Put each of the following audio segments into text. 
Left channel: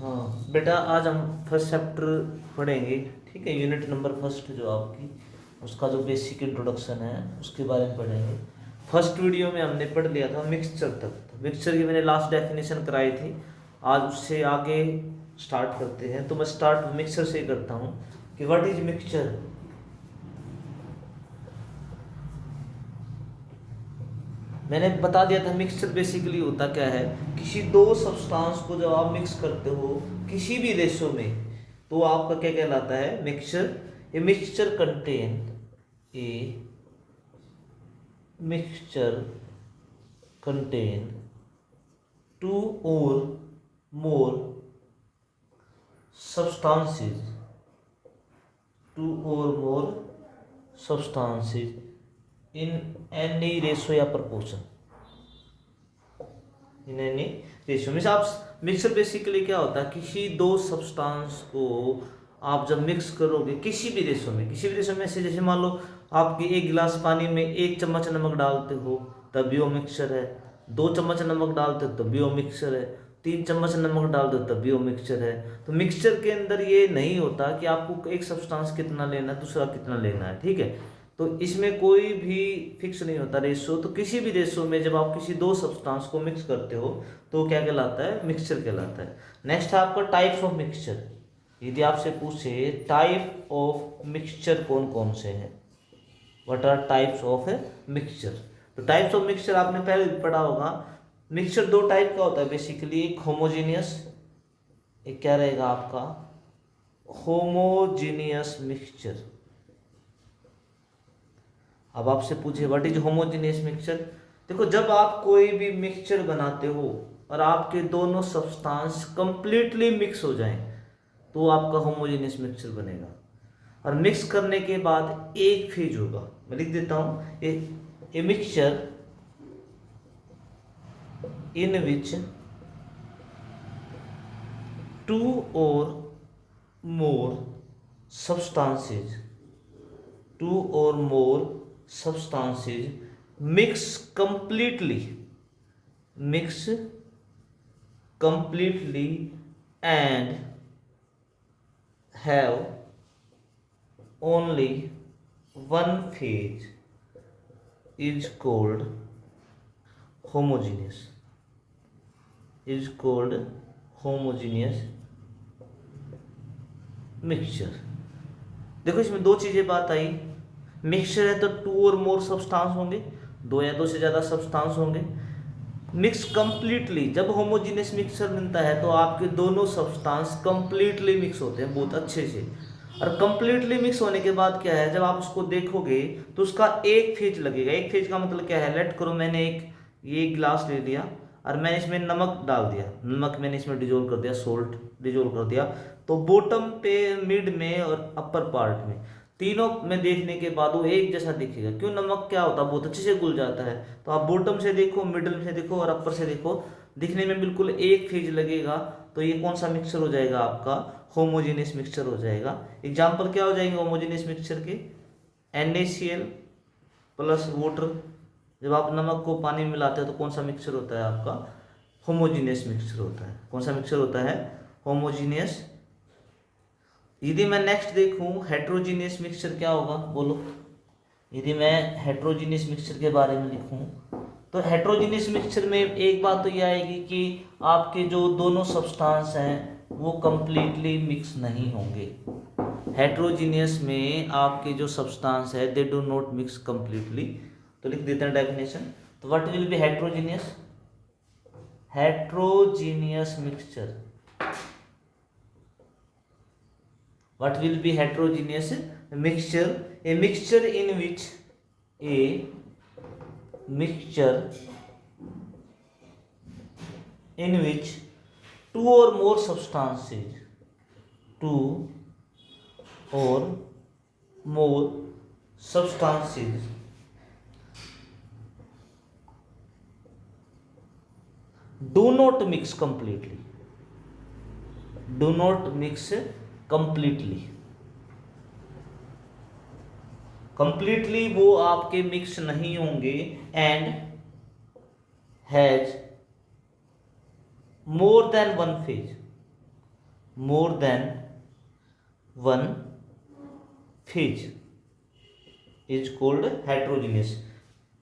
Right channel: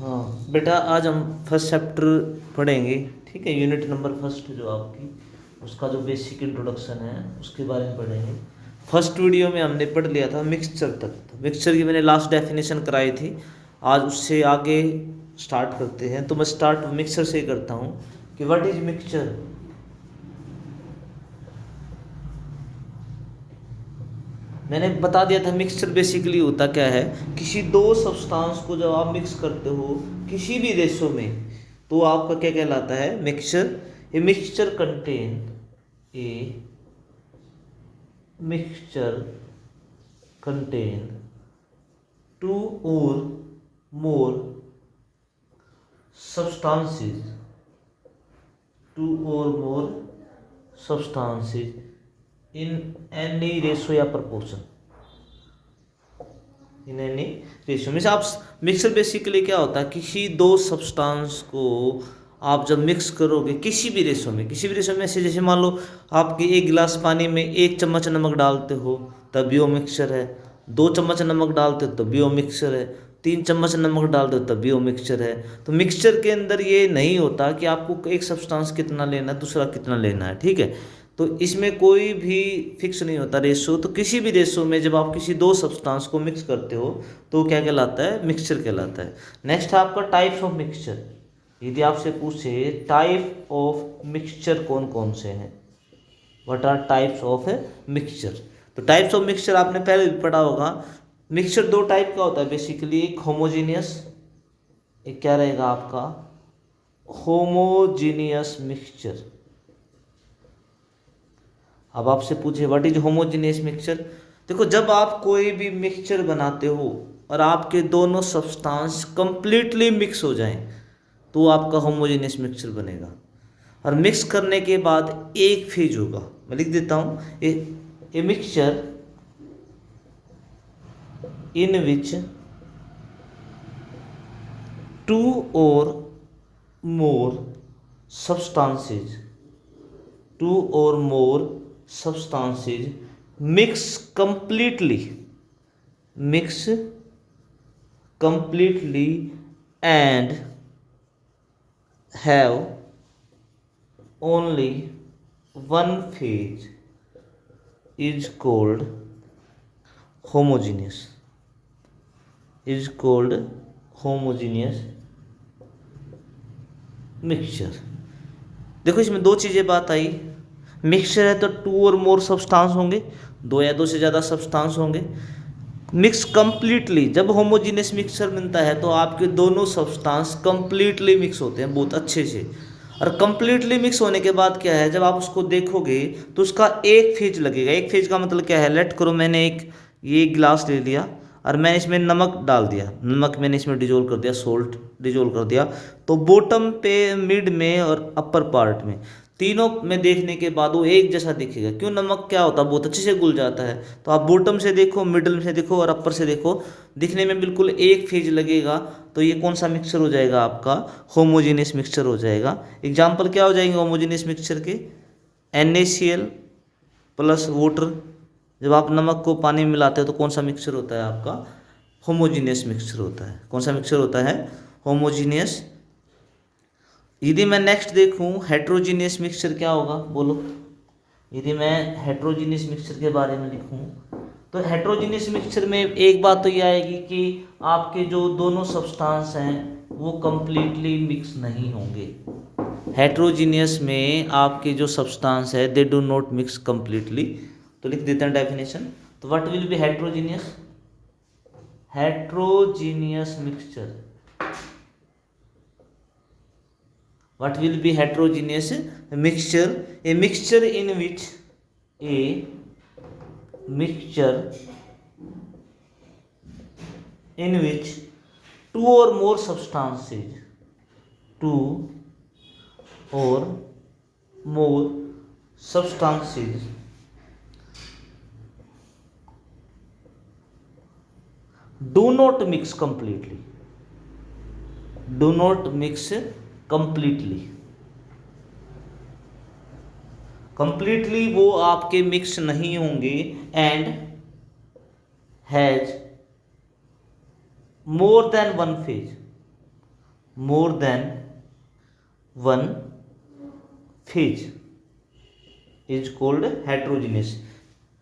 हाँ बेटा, आज हम फर्स्ट चैप्टर पढ़ेंगे। ठीक है, यूनिट नंबर फर्स्ट जो आपकी, उसका जो बेसिक इंट्रोडक्शन है उसके बारे में पढ़ेंगे। फर्स्ट वीडियो में हमने पढ़ लिया था मिक्सचर तक। मिक्सचर की मैंने लास्ट डेफिनेशन कराई थी। आज उससे आगे स्टार्ट करते हैं। तो मैं स्टार्ट मिक्सचर से करता हूँ कि व्हाट इज मिक्सचर। मैंने बता दिया था मिक्सचर बेसिकली होता क्या है। किसी दो सब्सटेंस को जब आप मिक्स करते हो किसी भी रेशो में, तो आपका क्या कहलाता है, mixture. A mixture contain a mixture contain two और मोर substances टू और मोर substances in any ratio या proportion, इन एनी रेशियो में से आप मिक्सर बेसिकली क्या होता है, किसी दो सब्सटेंस को आप जब मिक्स करोगे किसी भी रेशियो में, किसी भी रेशियो में से, जैसे मान लो आपके एक गिलास पानी में 1 चम्मच नमक डालते हो तब भी वो मिक्सचर है, 2 चम्मच नमक डालते हो तब भी वो मिक्सचर है, 3 चम्मच नमक डाल दो तब भी वो मिक्सचर है। तो मिक्सचर के अंदर ये नहीं होता कि आपको एक सब्सटेंस कितना लेना है दूसरा कितना लेना है। ठीक है, तो इसमें कोई भी फिक्स नहीं होता रेशो। तो किसी भी रेशो में जब आप किसी दो सब्सटेंस को मिक्स करते हो तो क्या कहलाता है, मिक्सचर कहलाता है। नेक्स्ट है आपका टाइप्स ऑफ मिक्सचर। यदि आपसे पूछे टाइप ऑफ मिक्सचर कौन कौन से हैं, what are types of mixture, तो टाइप्स ऑफ मिक्सचर आपने पहले भी पढ़ा होगा। मिक्सचर दो टाइप का होता है बेसिकली, एक होमोजीनियस, एक क्या रहेगा आपका होमोजीनियस मिक्सचर। अब आपसे पूछे व्हाट इज होमोजेनियस मिक्सचर। देखो, जब आप कोई भी मिक्सचर बनाते हो और आपके दोनों सब्सटेंस कंप्लीटली मिक्स हो जाएं तो आपका होमोजेनियस मिक्सचर बनेगा। और मिक्स करने के बाद एक फेज होगा, मैं लिख देता हूं, a mixture in which to और मोर substances two or more substances mix completely and have only one phase is called homogeneous mixture. देखो, इसमें दो चीजें बात आई। मिक्सचर है तो टू और मोर सब्सटेंस होंगे, दो या दो से ज्यादा सब्सटेंस होंगे। मिक्स कंप्लीटली, जब होमोजीनियस मिक्सचर बनता है तो आपके दोनों सब्सटेंस कंप्लीटली मिक्स होते हैं बहुत अच्छे से। और कंप्लीटली मिक्स होने के बाद क्या है, जब आप उसको देखोगे तो उसका एक फेज लगेगा। एक फेज का मतलब क्या है, लेट करो मैंने ये गिलास ले लिया और मैंने इसमें नमक डाल दिया, नमक मैंने इसमें डिजोल्व कर दिया, सोल्ट डिजोल्व कर दिया। तो बॉटम पे, मिड में और अपर पार्ट में, तीनों में देखने के बाद वो एक जैसा दिखेगा। क्यों, नमक क्या होता है, बहुत अच्छे से घुल जाता है। तो आप बॉटम से देखो, मिडल से देखो और अपर से देखो, दिखने में बिल्कुल एक फेज लगेगा। तो ये कौन सा मिक्सचर हो जाएगा, आपका होमोजेनियस मिक्सचर हो जाएगा। एग्जाम्पल क्या हो जाएंगे होमोजेनियस मिक्सचर के, NaCl प्लस वाटर। जब आप नमक को पानी में मिलाते हो तो कौन सा मिक्सचर होता है, आपका होमोजीनियस मिक्सचर होता है। कौन सा मिक्सचर होता है, होमोजीनियस। यदि मैं नेक्स्ट देखूं हेट्रोजीनियस मिक्सचर क्या होगा, बोलो। यदि मैं हेट्रोजीनियस मिक्सचर के बारे में लिखूं तो हेट्रोजीनियस मिक्सचर में एक बात तो ये आएगी कि आपके जो दोनों सब्सटेंस हैं वो कंप्लीटली मिक्स नहीं होंगे। हेट्रोजीनियस में आपके जो सब्सटेंस है they do not mix completely. तो लिख देते हैं डेफिनेशन। तो what will be heterogeneous, heterogeneous mixture, what will be heterogeneous mixture, a mixture in which two or more substances do not mix completely, completely वो आपके mix नहीं होंगे, and has more than one phase, more than one phase is called heterogeneous.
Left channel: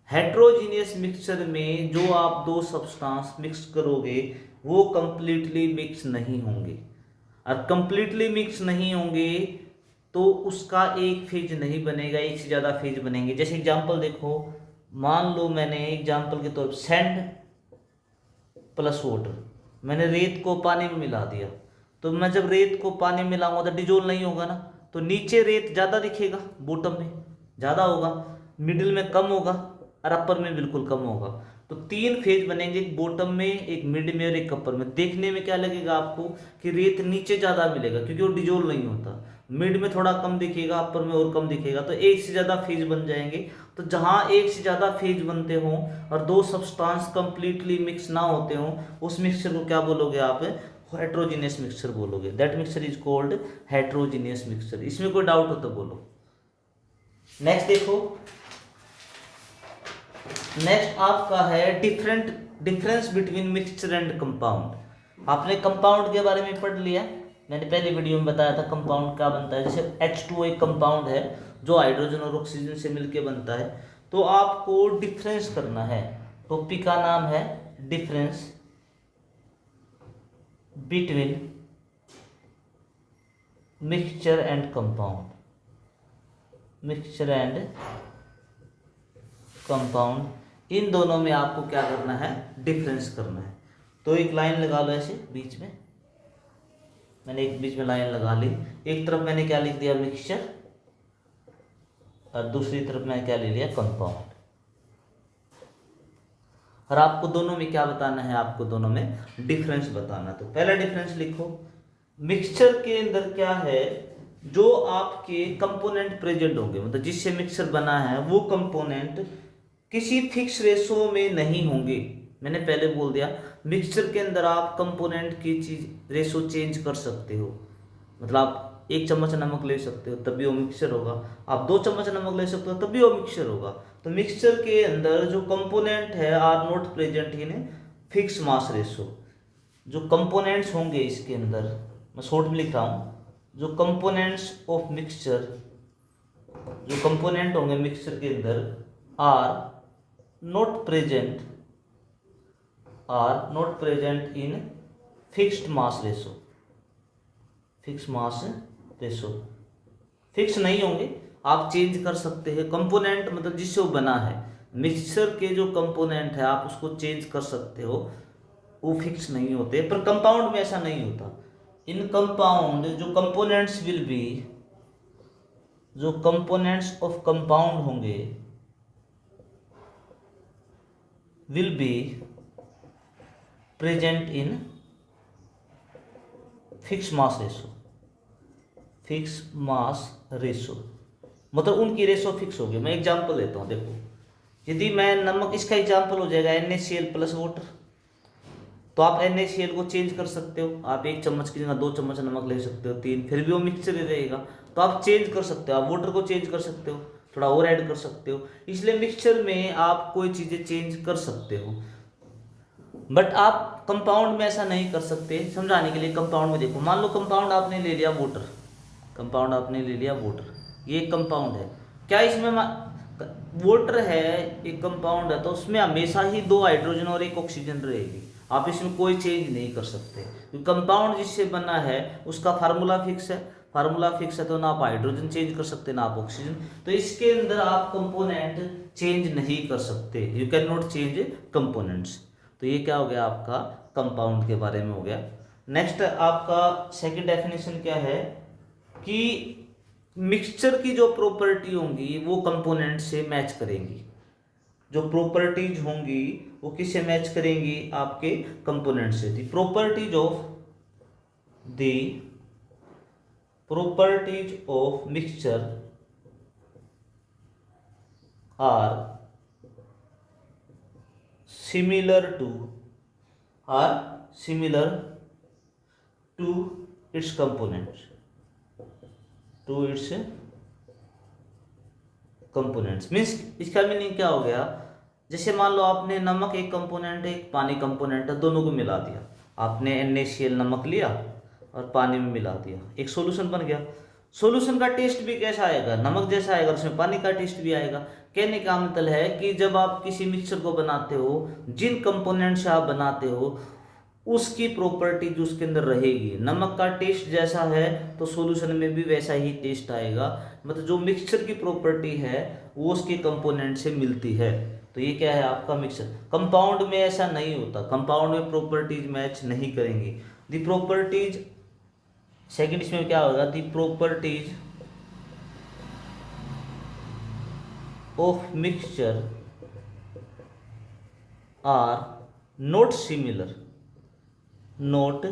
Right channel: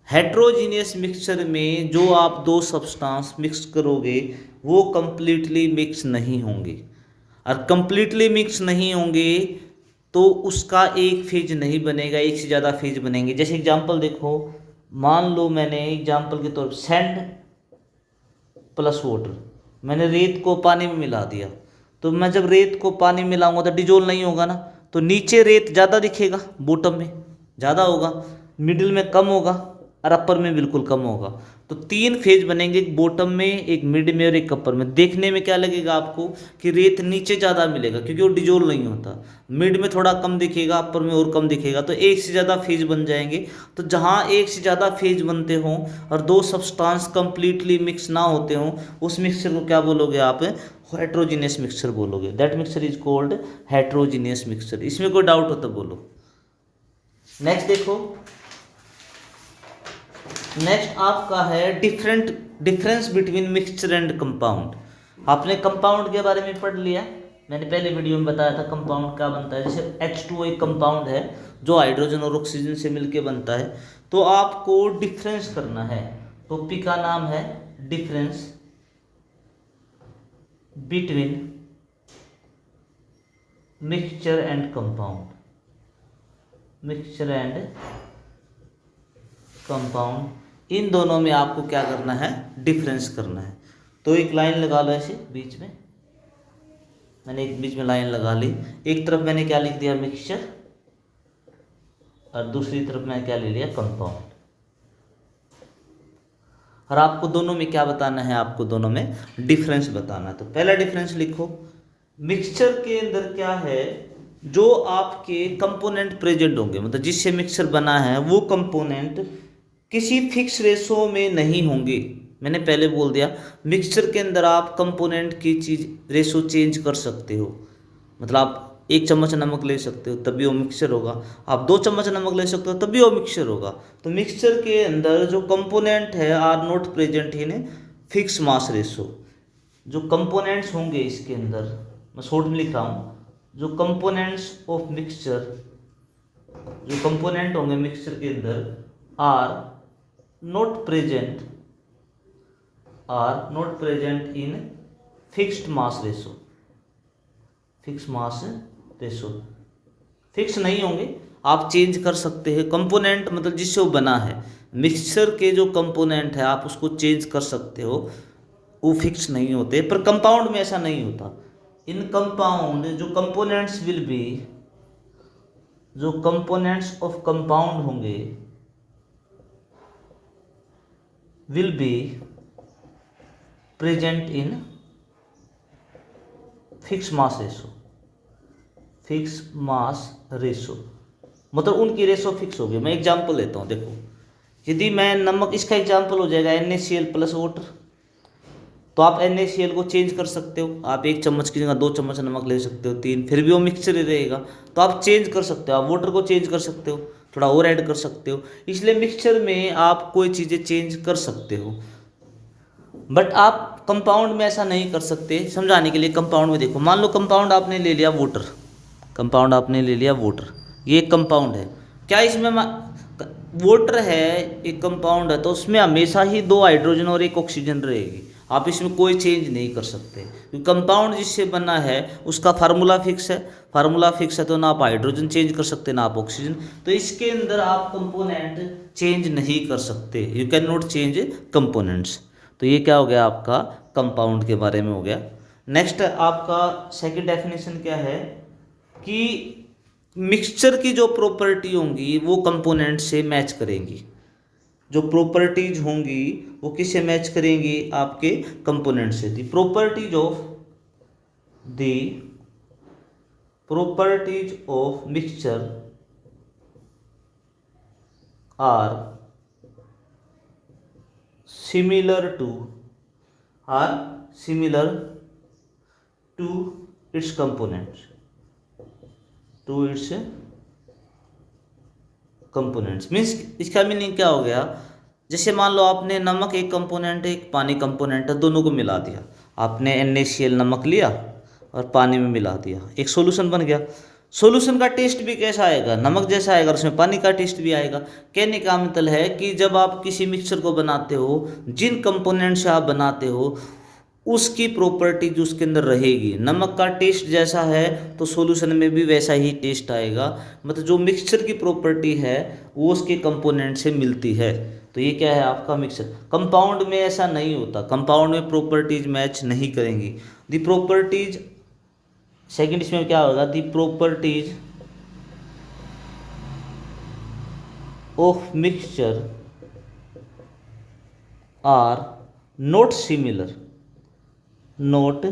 Heterogeneous mixture में जो आप दो substance mix करोगे वो कंप्लीटली मिक्स नहीं होंगे, और कंप्लीटली मिक्स नहीं होंगे तो उसका एक फेज नहीं बनेगा, एक से ज़्यादा फेज बनेंगे। जैसे एग्जांपल देखो, मान लो मैंने एग्जांपल के तौर पर सैंड प्लस वाटर, मैंने रेत को पानी में मिला दिया, तो मैं जब रेत को पानी में मिलाऊंगा तो डिजोल्व नहीं होगा ना, तो नीचे रेत ज़्यादा दिखेगा, बॉटम में ज़्यादा होगा, मिडिल में कम होगा और अपर में बिल्कुल कम होगा। तो तीन फेज बनेंगे, एक बॉटम में, एक मिड में और एक अपर में। देखने में क्या लगेगा आपको कि रेत नीचे ज़्यादा मिलेगा क्योंकि वो डिजोल्व नहीं होता, मिड में थोड़ा कम दिखेगा, अपर में और कम दिखेगा, तो एक से ज़्यादा फेज बन जाएंगे। तो जहाँ एक से ज़्यादा फेज बनते हों और दो सब्सटेंस कंप्लीटली मिक्स ना होते हों, उस मिक्सचर को क्या बोलोगे आप? हेट्रोजीनियस मिक्सचर बोलोगे। That mixture is called heterogeneous mixture. इसमें कोई डाउट हो तो बोलो। नेक्स्ट देखो, नेक्स्ट आपका है difference between mixture and compound. आपने कंपाउंड के बारे में पढ़ लिया, मैंने पहले वीडियो में बताया था कंपाउंड क्या बनता है। जैसे H2O एक कंपाउंड है जो हाइड्रोजन और ऑक्सीजन से मिलकर बनता है। तो आपको डिफरेंस करना है, टॉपिक का नाम है difference between mixture and compound. Mixture and compound, इन दोनों में आपको क्या करना है? डिफरेंस करना है। तो एक लाइन लगा लो ऐसे बीच में, मैंने एक बीच में लाइन लगा ली, एक तरफ मैंने क्या लिख दिया? मिक्सचर, और दूसरी तरफ मैंने क्या ले लिया? कंपाउंड। और आपको दोनों में क्या बताना है? आपको दोनों में डिफरेंस बताना। तो पहला डिफरेंस लिखो, मिक्सचर के अंदर क्या है? जो आपके कंपोनेंट प्रेजेंट होंगे, मतलब जिससे मिक्सचर बना है वो कंपोनेंट किसी फिक्स रेशो में नहीं होंगे। मैंने पहले बोल दिया, मिक्सचर के अंदर आप कंपोनेंट की चीज रेशो चेंज कर सकते हो। मतलब आप 1 चम्मच नमक ले सकते हो तब भी वो मिक्सचर होगा, आप 2 चम्मच नमक ले सकते हो तब भी वो मिक्सचर होगा। तो मिक्सचर के अंदर जो कंपोनेंट है are not present in fix mass ratio. जो कंपोनेंट्स होंगे इसके अंदर, मैं शॉर्ट में लिख रहा हूँ, जो कंपोनेंट्स ऑफ मिक्सचर, जो कंपोनेंट होंगे मिक्सचर के अंदर are not present in fixed mass ratio। Fix mass ratio फिक्स नहीं होंगे, आप चेंज कर सकते हैं। कंपोनेंट मतलब जिससे वो बना है, मिक्सचर के जो कंपोनेंट है आप उसको चेंज कर सकते हो, वो फिक्स नहीं होते। पर कंपाउंड में ऐसा नहीं होता। इन कंपाउंड जो कंपोनेंट्स विल बी, जो कंपोनेंट्स ऑफ कंपाउंड होंगे will be present in fixed mass ratio। fixed mass ratio मतलब उनकी रेशो फिक्स होगी। मैं एग्जांपल लेता हूँ, देखो, यदि मैं नमक, इसका एग्जांपल हो जाएगा NaCl प्लस वाटर, तो आप NaCl को चेंज कर सकते हो। आप 1 चम्मच की जगह 2 चम्मच नमक ले सकते हो, 3, फिर भी वो मिक्सचर ही रहेगा। तो आप चेंज कर सकते हो, आप वाटर को चेंज कर सकते हो, थोड़ा और ऐड कर सकते हो। इसलिए मिक्सचर में आप कोई चीज़ें चेंज कर सकते हो, बट आप कंपाउंड में ऐसा नहीं कर सकते। समझाने के लिए, कंपाउंड में देखो, मान लो कंपाउंड आपने ले लिया वाटर, कंपाउंड आपने ले लिया वाटर, ये एक कंपाउंड है। क्या इसमें वाटर है, एक कंपाउंड है, तो उसमें हमेशा ही 2 हाइड्रोजन और 1 ऑक्सीजन रहेगी। आप इसमें कोई चेंज नहीं कर सकते, क्योंकि कंपाउंड जिससे बना है उसका फार्मूला फिक्स है। फार्मूला फिक्स है तो ना आप हाइड्रोजन चेंज कर सकते ना आप ऑक्सीजन। तो इसके अंदर आप कंपोनेंट चेंज नहीं कर सकते, you can not change components. तो ये क्या हो गया? आपका कंपाउंड के बारे में हो गया। नेक्स्ट आपका सेकंड डेफिनेशन क्या है कि मिक्सचर की जो प्रॉपर्टी होंगी वो कंपोनेंट से मैच करेंगी। जो प्रॉपर्टीज होंगी वो किससे मैच करेंगी? आपके कंपोनेंट से। The properties of mixture are similar to its components, means इसका मीनिंग क्या हो गया? जैसे मान लो आपने नमक एक कंपोनेंट है, एक पानी कंपोनेंट है, दोनों को मिला दिया। आपने NaCl नमक लिया और पानी में मिला दिया, एक सॉल्यूशन बन गया। सॉल्यूशन का टेस्ट भी कैसा आएगा, नमक जैसा आएगा, और उसमें पानी का टेस्ट भी आएगा। कहने का मतलब है कि जब आप किसी मिक्सचर को बनाते हो, जिन कंपोनेंट से आप बनाते हो उसकी प्रॉपर्टीज उसके अंदर रहेगी। नमक का टेस्ट जैसा है तो सॉल्यूशन में भी वैसा ही टेस्ट आएगा। मतलब जो मिक्सचर की प्रॉपर्टी है वो उसके कंपोनेंट से मिलती है। तो ये क्या है आपका मिक्सचर। कंपाउंड में ऐसा नहीं होता, कंपाउंड में प्रॉपर्टीज मैच नहीं करेंगी। दी प्रॉपर्टीज, सेकंड इसमें क्या होगा, the properties of mixture are not similar, not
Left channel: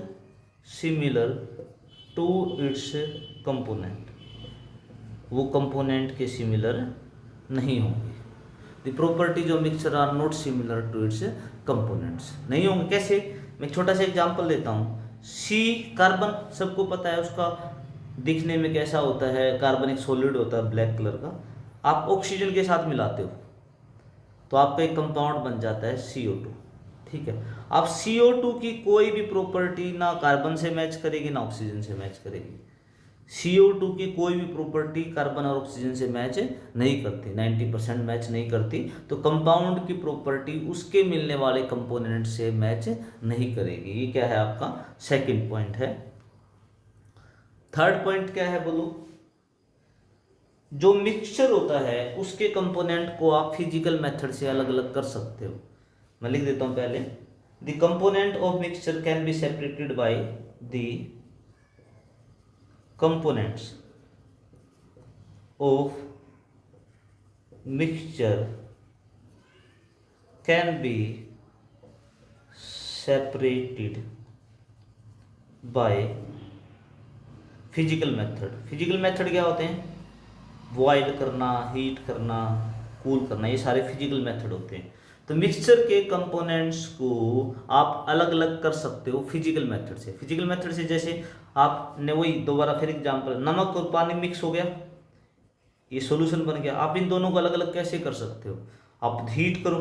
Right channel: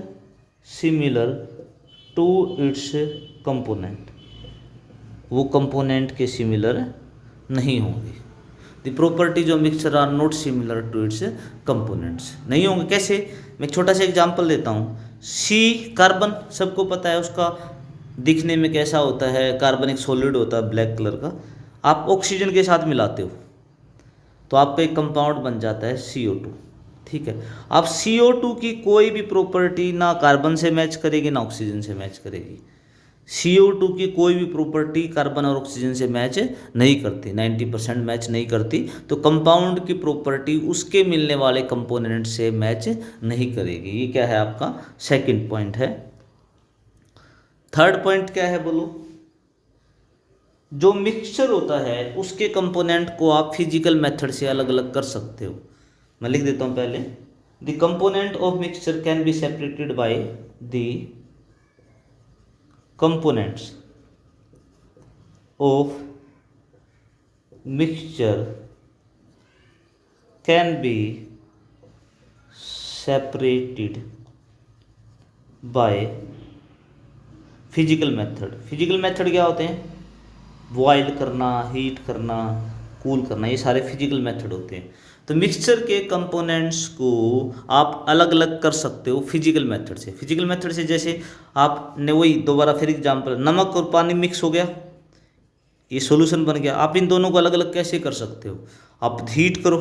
similar to its component, वो कंपोनेंट के सिमिलर नहीं होंगे। The properties of mixture are not similar to its components, नहीं होंगे। कैसे, मैं एक छोटा सा एग्जांपल देता हूँ। सी कार्बन, सबको पता है उसका दिखने में कैसा होता है, कार्बन एक सॉलिड होता है ब्लैक कलर का। आप ऑक्सीजन के साथ मिलाते हो तो आपका एक कंपाउंड बन जाता है CO2, ठीक है। अब CO2 की कोई भी प्रॉपर्टी ना कार्बन से मैच करेगी ना ऑक्सीजन से मैच करेगी। CO2 की कोई भी प्रॉपर्टी कार्बन और ऑक्सीजन से मैच नहीं करती, 90% मैच नहीं करती। तो कंपाउंड की प्रॉपर्टी उसके मिलने वाले कंपोनेंट से मैच नहीं करेगी। ये क्या है आपका सेकंड पॉइंट है। थर्ड पॉइंट क्या है बोलो। जो मिक्सचर होता है उसके कंपोनेंट को आप फिजिकल मेथड से अलग अलग कर सकते हो। मैं लिख देता हूं पहले, the component of mixture can be separated by the components of mixture can be separated by physical method. Physical method क्या होते हैं, बॉयल करना, हीट करना, कूल करना, ये सारे फिजिकल मेथड होते हैं। तो मिक्सचर के कंपोनेंट्स को आप अलग अलग कर सकते हो फिजिकल मेथड से। फिजिकल मेथड से जैसे आपने वही दोबारा फिर एग्जांपल, नमक और पानी मिक्स हो गया, ये सॉल्यूशन बन गया। आप इन दोनों को अलग अलग कैसे कर सकते हो, आप हीट करो,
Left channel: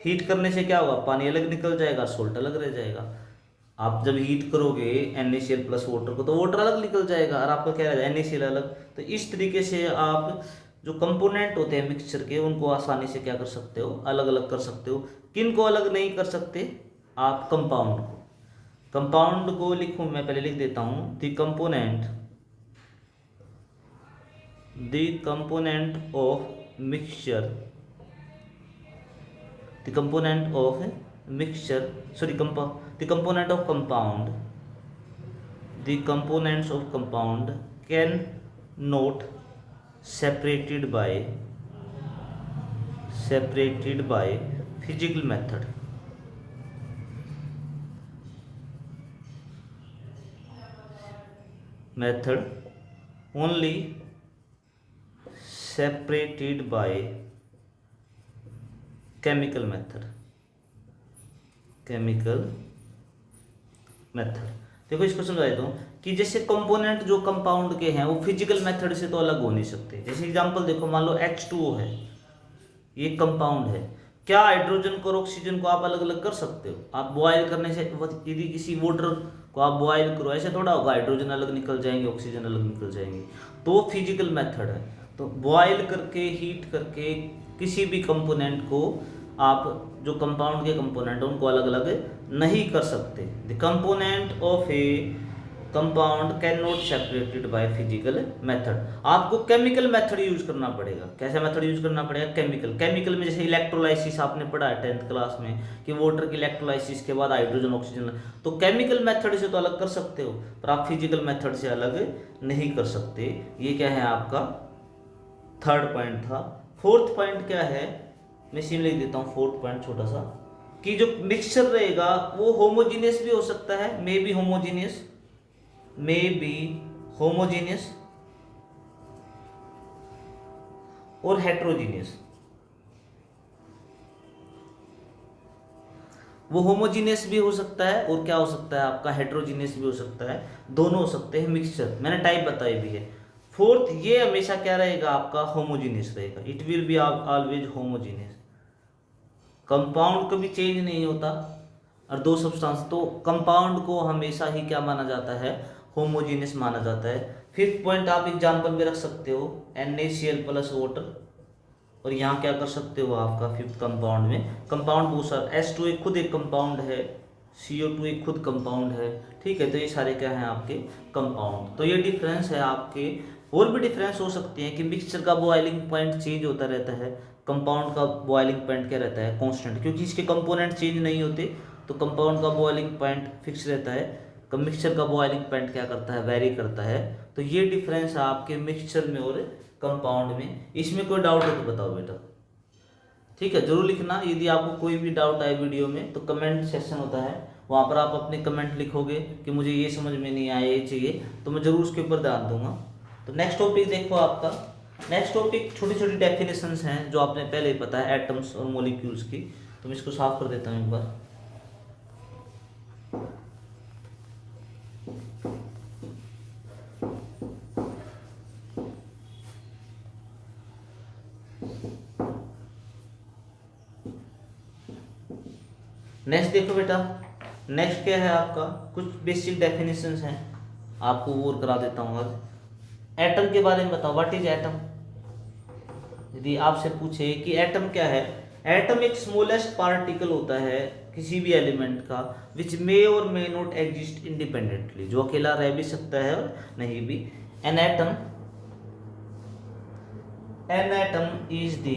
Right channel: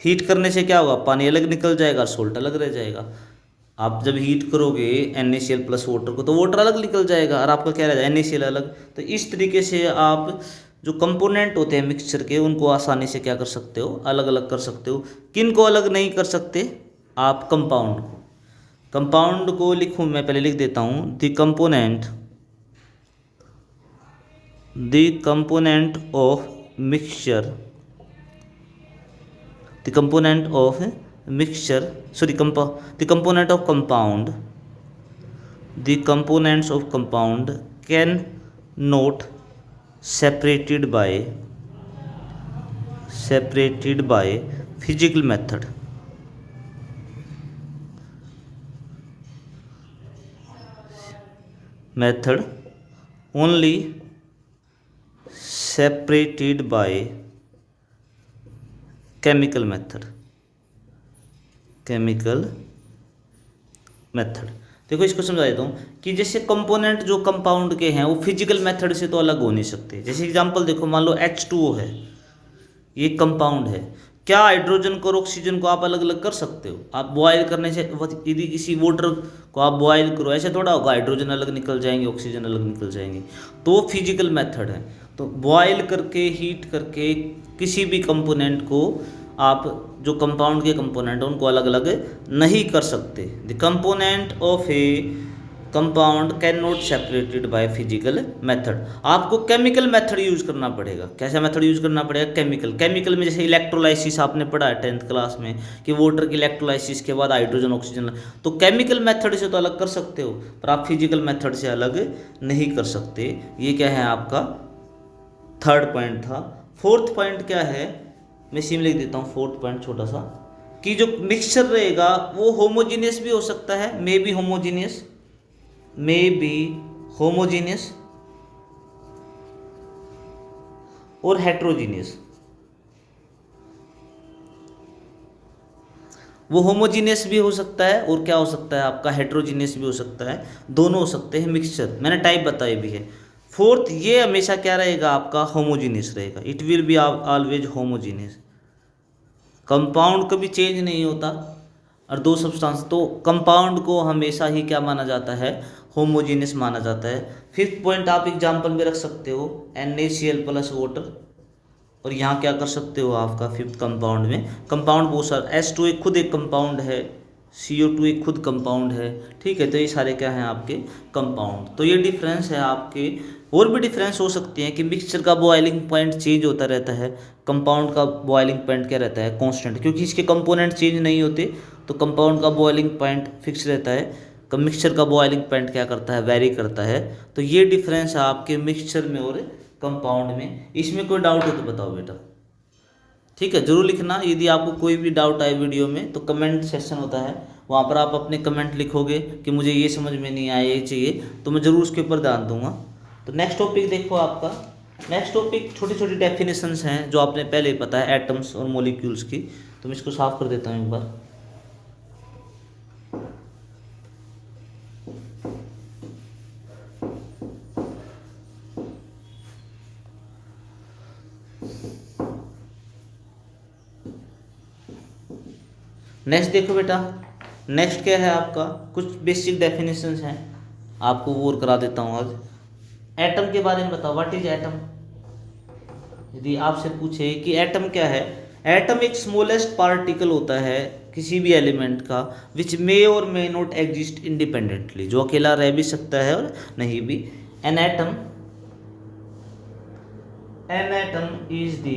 हीट करने से क्या होगा, पानी अलग निकल जाएगा, सोल्ट अलग रह जाएगा। आप जब हीट करोगे NaCl प्लस वाटर को तो वाटर अलग निकल जाएगा और आपका क्या रहेगा NaCl अलग। तो इस तरीके से आप जो कंपोनेंट होते हैं मिक्सचर के उनको आसानी से क्या कर सकते हो, अलग अलग कर सकते हो। किन को अलग नहीं कर सकते आप, कंपाउंड को। कंपाउंड को लिखूं मैं, पहले लिख देता हूं, the component of mixture, the component of mixture, sorry, the component of compound, the components of compound can not separated by physical method, only separated by chemical method. देखो इसको समझा देता हूँ कि जैसे कंपोनेंट जो कंपाउंड के हैं वो फिजिकल मेथड से तो अलग हो नहीं सकते। जैसे एग्जांपल देखो, मान लो H2O है, ये कंपाउंड है। क्या हाइड्रोजन को और ऑक्सीजन को आप अलग अलग कर सकते हो? आप बॉयल करने से, यदि किसी वाटर को आप बॉयल करो, ऐसे थोड़ा होगा, हाइड्रोजन अलग निकल जाएंगे, ऑक्सीजन अलग निकल जाएंगे। तो वो फिजिकल मेथड है। तो बॉयल करके, हीट करके किसी भी कंपोनेंट को आप, जो कंपाउंड के कंपोनेंट हैं उनको अलग अलग नहीं कर सकते। The component of A compound can not separated by physical method. आपको केमिकल मेथड यूज करना पड़ेगा। कैसा मेथड यूज करना पड़ेगा? केमिकल में जैसे इलेक्ट्रोलाइसिस आपने पढ़ा है 10th क्लास में कि वाटर की इलेक्ट्रोलाइसिस के बाद हाइड्रोजन ऑक्सीजन। तो केमिकल मेथड से तो अलग कर सकते हो, पर आप फिजिकल मेथड से अलग नहीं कर सकते। ये क्या है आपका थर्ड पॉइंट था। फोर्थ पॉइंट क्या है, मैं इसी में लिख देता हूँ फोर्थ पॉइंट छोटा सा, कि जो मिक्सचर रहेगा वो होमोजीनियस भी हो सकता है, मे बी होमोजीनियस और हेट्रोजीनियस। वो होमोजीनियस भी हो सकता है और क्या हो सकता है आपका, हेट्रोजीनियस भी हो सकता है। दोनों हो सकते हैं मिक्सचर, मैंने टाइप बताई भी है। फोर्थ, ये हमेशा क्या रहेगा आपका, होमोजीनियस रहेगा। It will be always homogeneous. Compound कभी चेंज नहीं होता, और दो सब्सटेंस, तो कंपाउंड को हमेशा ही क्या माना जाता है, होमोजीनियस माना जाता है। फिफ्थ पॉइंट आप एग्जांपल में रख सकते हो NaCl प्लस वाटर, और यहाँ क्या कर सकते हो आपका फिफ्थ कंपाउंड में, कंपाउंड बहुत सारा, H2 एक खुद एक कंपाउंड है, CO2 एक खुद कंपाउंड है, ठीक है। तो ये सारे क्या हैं आपके कंपाउंड। तो ये डिफरेंस है आपके। और भी डिफरेंस हो सकते हैं कि मिक्सचर का बॉइलिंग पॉइंट चेंज होता रहता है, कंपाउंड का बॉइलिंग पॉइंट क्या रहता है, कांस्टेंट, क्योंकि इसके कंपोनेंट चेंज नहीं होते, तो कंपाउंड का बॉइलिंग पॉइंट फिक्स रहता है। मिक्सचर का बॉइलिंग पॉइंट क्या करता है, वेरी करता है। तो ये डिफरेंस है आपके मिक्सचर में और कंपाउंड में। इसमें कोई डाउट हो तो बताओ बेटा, ठीक है, जरूर लिखना। यदि आपको कोई भी डाउट आए वीडियो में तो कमेंट सेक्शन होता है, वहाँ पर आप अपने कमेंट लिखोगे कि मुझे ये समझ में नहीं आया, ये चाहिए, तो मैं ज़रूर उसके ऊपर ध्यान दूंगा। तो नेक्स्ट टॉपिक देखो आपका, नेक्स्ट टॉपिक छोटी छोटी डेफिनेशंस हैं जो आपने पहले ही पता है एटम्स और मॉलिक्यूल्स की। तो मैं इसको साफ कर देता हूँ एक बार। नेक्स्ट देखो बेटा, नेक्स्ट क्या है आपका, कुछ बेसिक डेफिनेशंस हैं, आपको वो और करा देता हूँ आज। एटम के बारे में बताओ, व्हाट इज एटम। यदि आपसे पूछे कि एटम क्या है, एटम एक स्मॉलेस्ट पार्टिकल होता है किसी भी एलिमेंट का, विच may or may not exist independently, जो अकेला रह भी सकता है और नहीं भी। An atom is the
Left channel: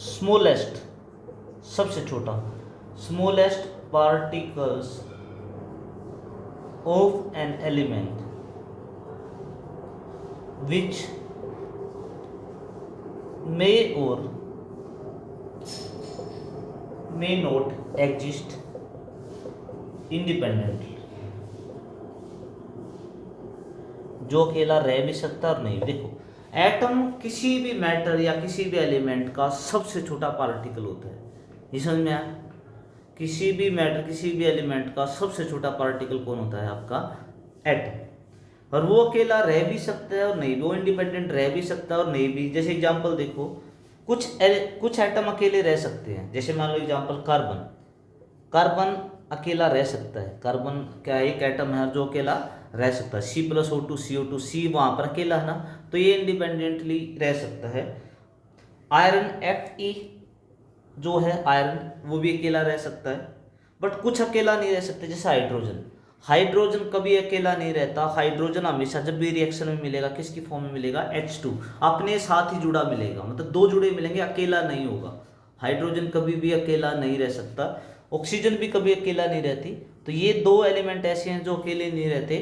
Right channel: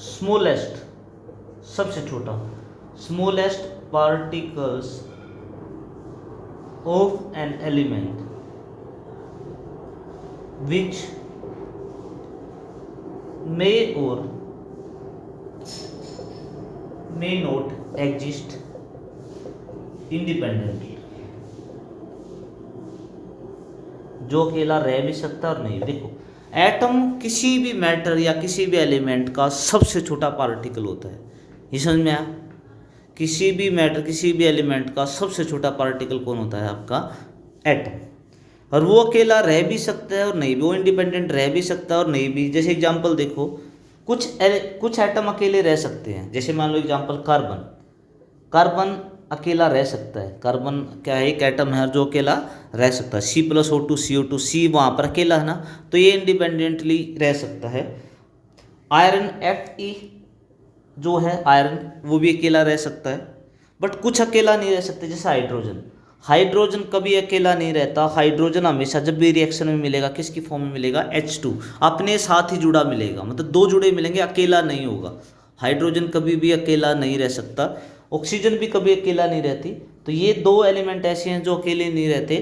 smallest, सबसे छोटा, smallest particles of an element which may or may not exist independently, जो अकेला रह भी सकता और नहीं। देखो, एटम किसी भी मैटर या किसी भी एलिमेंट का सबसे छोटा पार्टिकल होता है, ये समझ में आया। किसी भी मैटर, किसी भी एलिमेंट का सबसे छोटा पार्टिकल कौन होता है, आपका एटम। और वो अकेला रह भी सकता है और नहीं भी, वो इंडिपेंडेंट रह भी सकता है और नहीं भी। जैसे एग्जांपल देखो, कुछ एटम अकेले रह सकते हैं, जैसे मान लो एग्जांपल कार्बन, कार्बन अकेला रह सकता है। कार्बन क्या है, एक एटम है जो अकेला रह सकता है। C+O2 CO2, C वहाँ पर अकेला है ना, तो ये इंडिपेंडेंटली रह सकता है। आयरन Fe जो है आयरन, वो भी अकेला रह सकता है। बट कुछ अकेला नहीं रह सकते, जैसे हाइड्रोजन, हाइड्रोजन कभी अकेला नहीं रहता। हाइड्रोजन हमेशा जब भी रिएक्शन में मिलेगा किसकी फॉर्म में मिलेगा, H2, अपने साथ ही जुड़ा मिलेगा, मतलब दो जुड़े मिलेंगे, अकेला नहीं होगा। हाइड्रोजन कभी भी अकेला नहीं रह सकता। ऑक्सीजन भी कभी अकेला नहीं रहती। तो ये दो एलिमेंट ऐसे हैं जो अकेले नहीं रहते,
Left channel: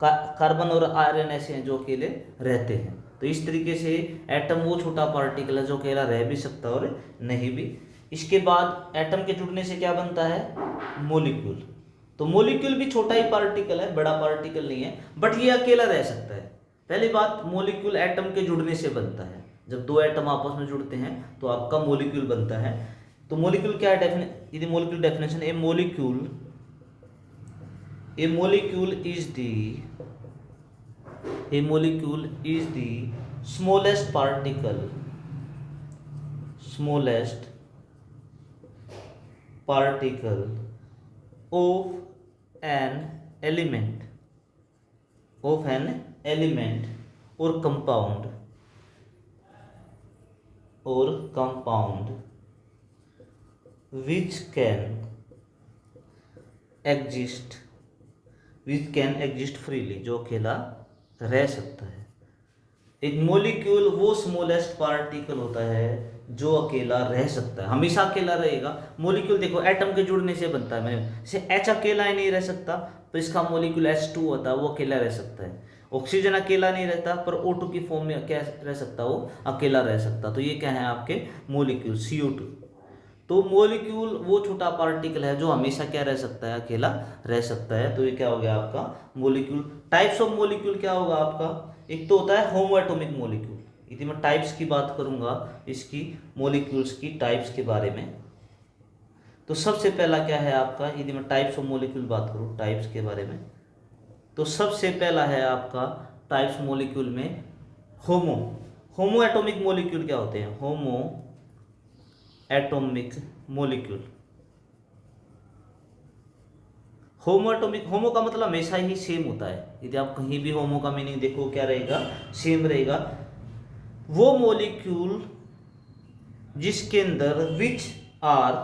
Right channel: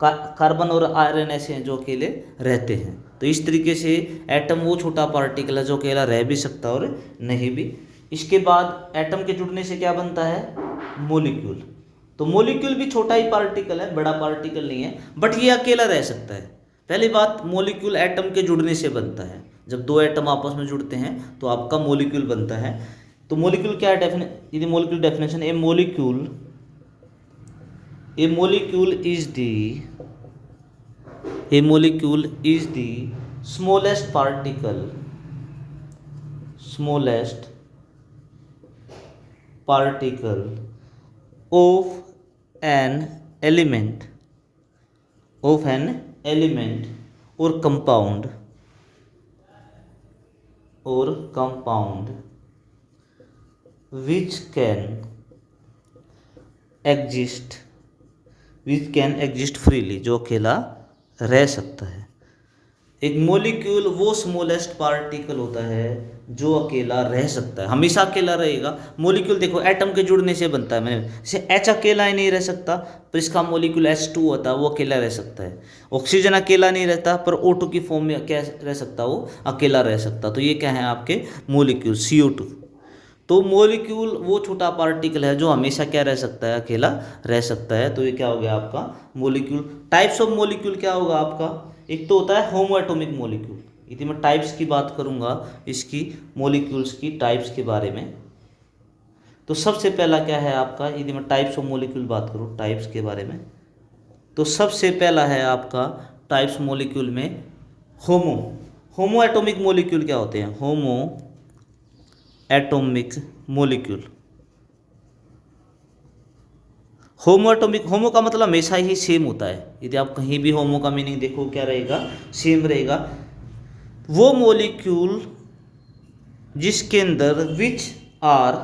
कार्बन और आयरन ऐसे हैं जो अकेले रहते हैं। तो इस तरीके से एटम वो छोटा पार्टिकल है जो अकेला रह भी सकता और नहीं भी। इसके बाद एटम के जुड़ने से क्या बनता है, मॉलिक्यूल। तो मॉलिक्यूल भी छोटा ही पार्टिकल है, बड़ा पार्टिकल नहीं है, बट ये अकेला रह सकता है। पहली बात, मॉलिक्यूल एटम के जुड़ने से बनता है। जब दो एटम आपस में जुड़ते हैं तो आपका मॉलिक्यूल बनता है। तो मॉलिक्यूल क्या है, यदि molecule definition, A molecule is the smallest particle of an element or compound which can exist freely, जो अकेला रह सकता है। एक मॉलिक्यूल वो स्मॉलेस्ट पार्टिकल होता है जो अकेला रह सकता है, हमेशा अकेला रहेगा। मॉलिक्यूल देखो एटम के जुड़ने से बनता है, मैंने जैसे H अकेला ही नहीं रह सकता, पर इसका मॉलिक्यूल H2 होता है, वो अकेला रह सकता है। ऑक्सीजन अकेला नहीं रहता, पर O2 की फॉर्म में क्या रह सकता, वो अकेला रह सकता। तो ये क्या है आपके मॉलिक्यूल, CO2। तो मॉलिक्यूल वो छोटा पार्टिकल है जो हमेशा क्या रह सकता है, अकेला रह सकता है। तो ये क्या हो गया आपका मॉलिक्यूल। टाइप्स ऑफ मॉलिक्यूल क्या होगा आपका, एक तो होता है होमो एटॉमिक मॉलिक्यूल। यदि मैं टाइप्स की बात करूंगा इसकी, मॉलिक्यूल्स की टाइप्स के बारे में, तो सबसे पहला क्या है आपका, यदि मैं टाइप्स ऑफ मॉलिक्यूल बात करूं टाइप्स के बारे में, तो सबसे पहला है आपका टाइप्स मॉलिक्यूल में होमो एटॉमिक मॉलिक्यूल क्या होते हैं, homo atomic molecule. Homo atomic, homo का मतलब हमेशा ही सेम होता है, यदि आप कहीं भी होमो का मीनिंग देखो क्या रहेगा, सेम रहेगा। वो मॉलिक्यूल जिसके अंदर which are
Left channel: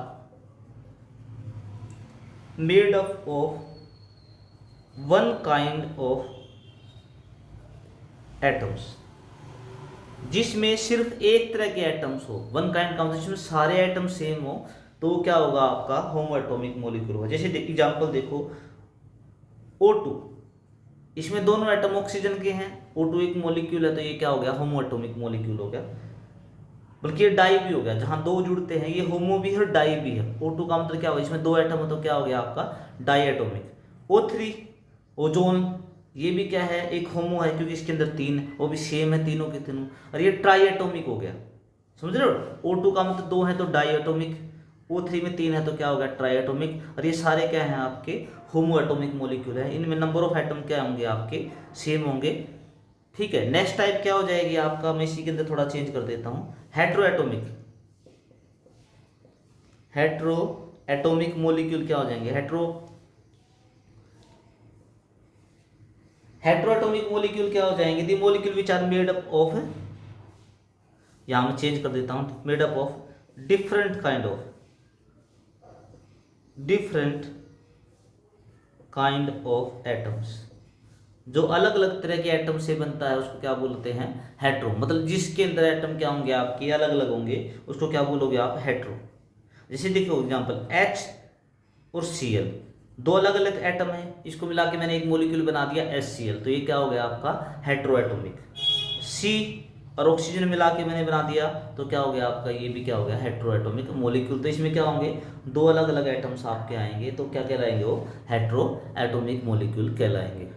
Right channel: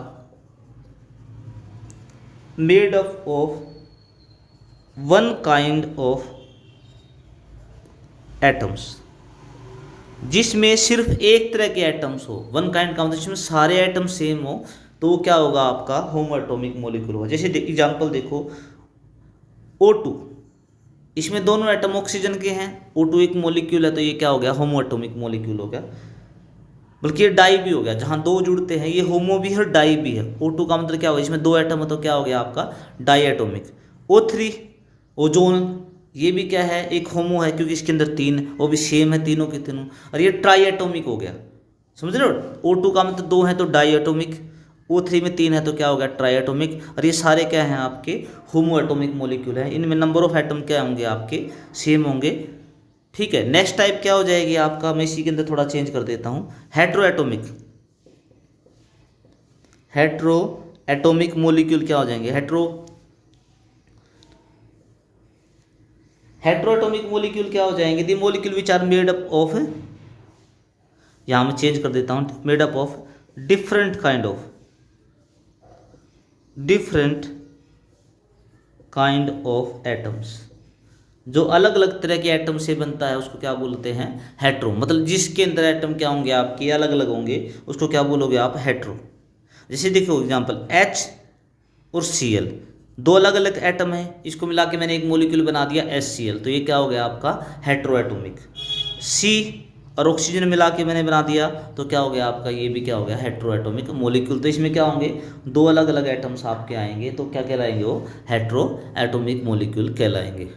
made up of one kind of atoms, जिसमें सिर्फ एक तरह के एटम्स हो, वन काइंड का मतलब जिसमें सारे एटम सेम हो, तो वो क्या होगा आपका होमो एटॉमिक मॉलिक्यूल होगा। जैसे एग्जांपल देखो O2, इसमें दोनों एटम ऑक्सीजन के हैं, O2 एक मॉलिक्यूल है, तो ये क्या हो गया होमो एटॉमिक मॉलिक्यूल हो गया। बल्कि ये डाई भी हो गया, जहां दो जुड़ते हैं ये होमो भी है और डाई भी है। O2 का मतलब क्या होगा, इसमें दो एटम है तो क्या हो गया आपका डाई एटॉमिक। O3 ओजोन, ये भी क्या है एक होमो है क्योंकि इसके अंदर तीन, वो भी सेम है तीनों के तीनों, और ये ट्राई एटॉमिक हो गया, समझ रहे हो। O2 का मतलब दो है तो डाई एटॉमिक, O3 में तीन है तो क्या होगा ट्राई एटॉमिक, और ये सारे क्या हैं आपके होमो एटॉमिक मॉलिक्यूल है। इनमें नंबर ऑफ एटम क्या होंगे आपके सेम होंगे, ठीक है। नेक्स्ट टाइप क्या हो जाएगी आपका, मैं इसी के अंदर थोड़ा चेंज कर देता हूं, hetero atomic. Hetero atomic molecule क्या हो जाएंगे, हेट्रोएटॉमिक मॉलिक्यूल क्या हो जाएंगे, the molecule which are made up of, यहां मैं चेंज कर देता हूं, made up of different kind of atoms, जो अलग अलग तरह के एटम से बनता है उसको क्या बोलते हैं हेट्रो, मतलब जिसके अंदर एटम क्या होंगे आपके अलग अलग होंगे उसको क्या बोलोगे आप हेट्रो। जैसे देखो एग्जांपल H और Cl, दो अलग अलग एटम है, इसको मिला के मैंने एक मॉलिक्यूल बना दिया HCl, तो ये क्या हो गया आपका हेट्रोएटॉमिक। C और ऑक्सीजन मिला के मैंने बना दिया तो क्या हो गया आपका, ये भी क्या हो गया हेट्रोएटॉमिक मॉलिक्यूल। तो इसमें क्या होंगे दो अलग अलग एटम्स आपके आएंगे तो क्या कहलाएंगे वो हेट्रोएटॉमिक मॉलिक्यूल कहलाएंगे।